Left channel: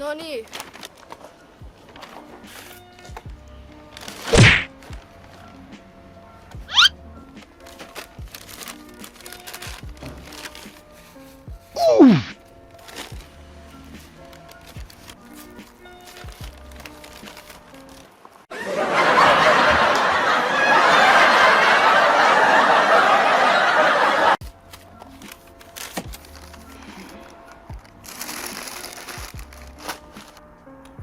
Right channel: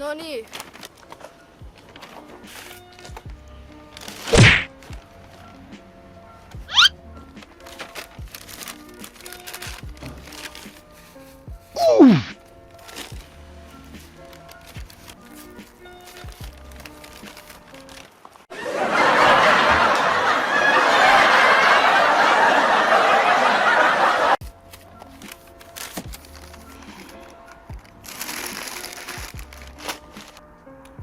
No nii.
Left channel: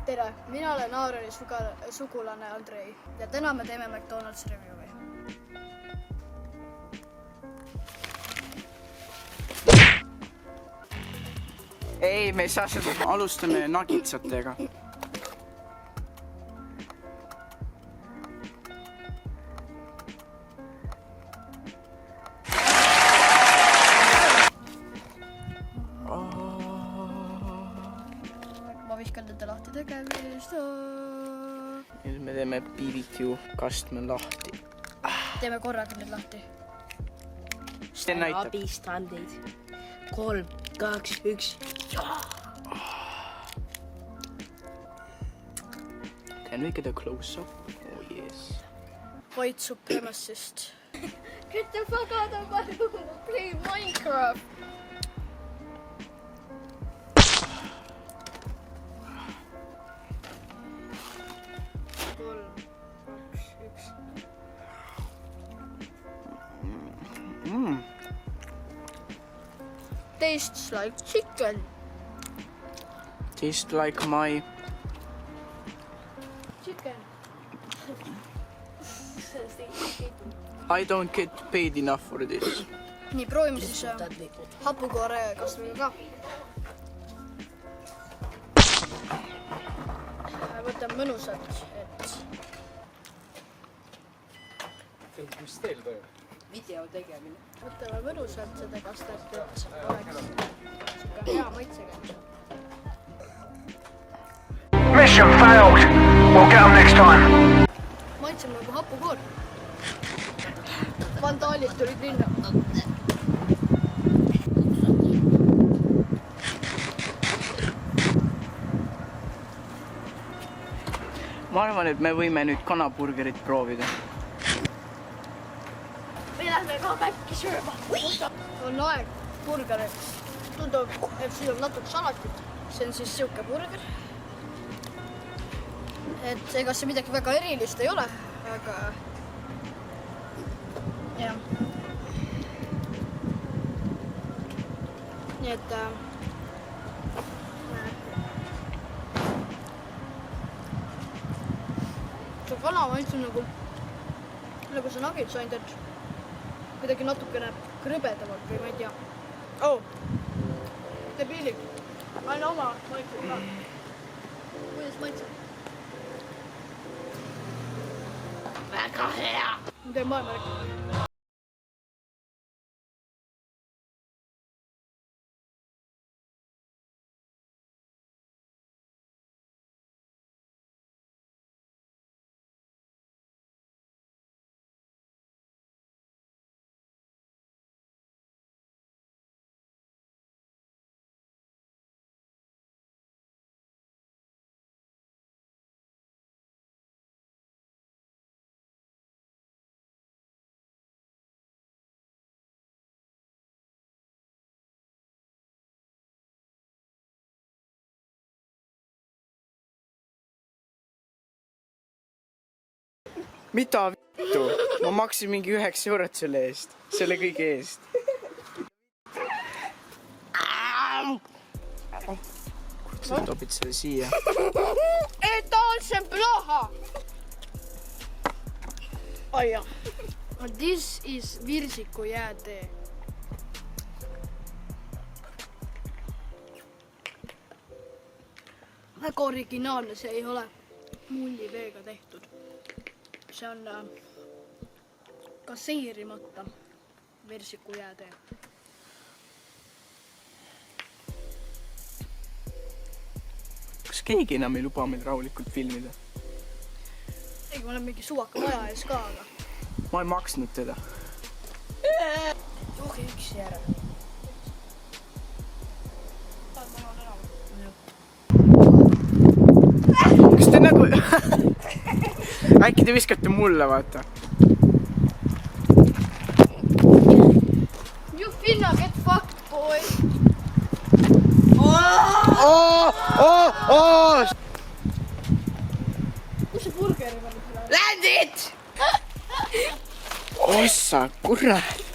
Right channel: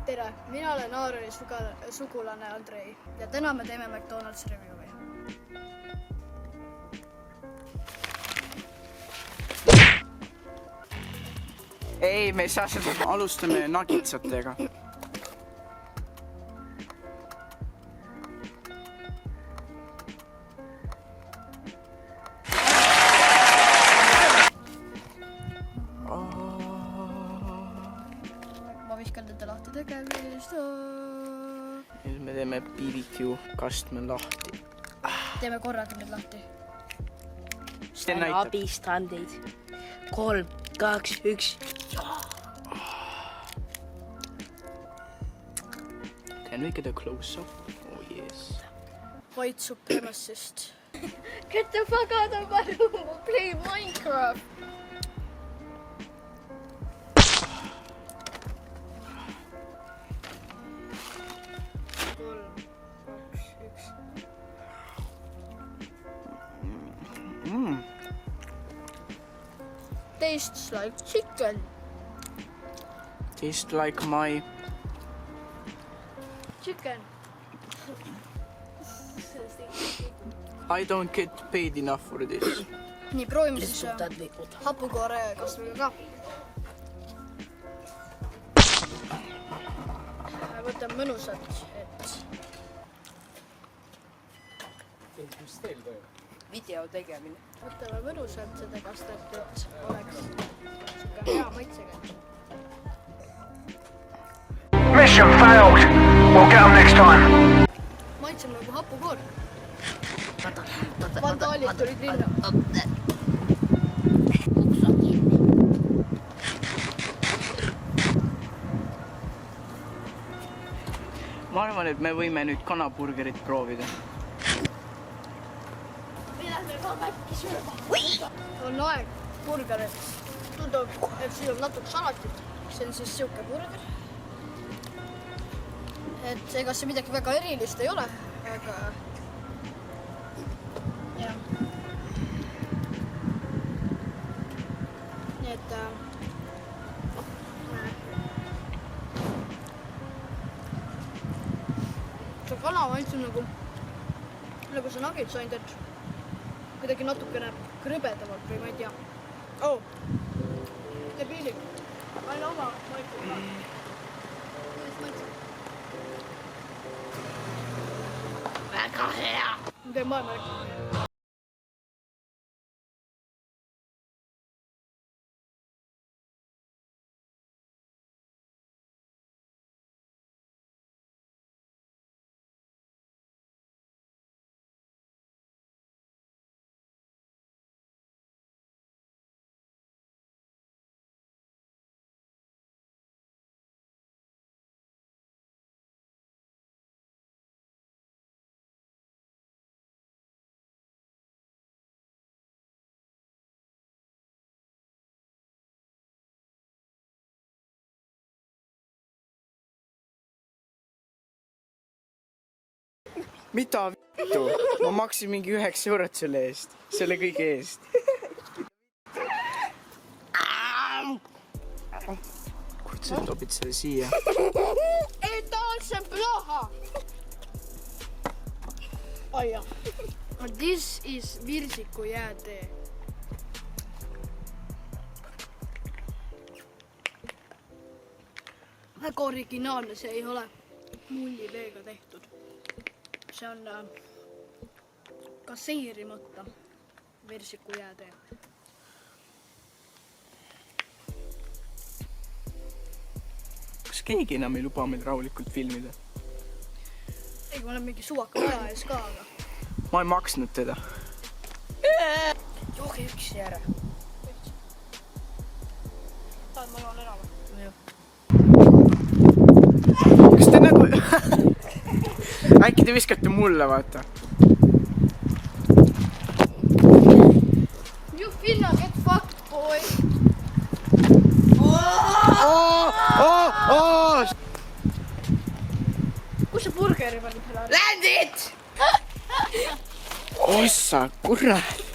Tere, mina olen Aaroni sugulane Andrei ja täna me teeme McDonald's review'i. Ei, me ei saa seda, alustame nagitsatega. Ma viskan nende lahti tegemist. Nüüd me teeme BBQ kastme lahti. Teeme korraga nüüd lahti. See näitab. Abistandeid. 3, 2, 1. Can we get a close-up? Oh yes. White supremacist. Get the fuck out of my room, play Minecraft. Tastes like chicken. Tastes like my... Chicken. I don't get paid enough for this. Nii, proovime siis hapukoore kasviga ka. Võtame mõnusat, et... Mis teil toimub? Video tegemine. Võtame mõnusalt seda kastet, et oleks siuke hea maitsega. Mission failed. We'll get them next time. Maitseme nagu hapukoor. Vandaalid tulid linna. Ma arvan, et me võime nüüd kanaburgerit proovida. Me lähme ka päkki sööma. On aeg burgerit. Tundub, et siin on natuke salatit. See on siis siuke burger. Et ega see midagi väga erilist ei ole, aga... jah. Nii et... see kana maitseb nagu see nugget sain, et kuidagi natukene krõbedamalt või ma ei tea. Oh! Debiilik. Aina oma maitseb ka. Kuidas maitseb? Väga hea. Ma teen maailma. Mida vittu? Ma maksin mingi 9 eurot selle eest. Selle kõige eest. Kuid sa topid selle siia. Это очень плохо! Ai jah. This is virsiku jäätee. Väga originaalne, see ei ole mulliveega tehtud. See on gaseerimata virsiku jäätee. Kas keegi enam ei luba meil rahulikult filmida? Ei, ma olen mingi suvaka maja ees ka, aga... Ma ei maksnud teda. Jooge üksi ära. Ma loon enam. kas te nagu äkki te viskate mulle, vaata. You finna get fucked, boy. Kus see burgeri panid? Landit! Ossa, kurat.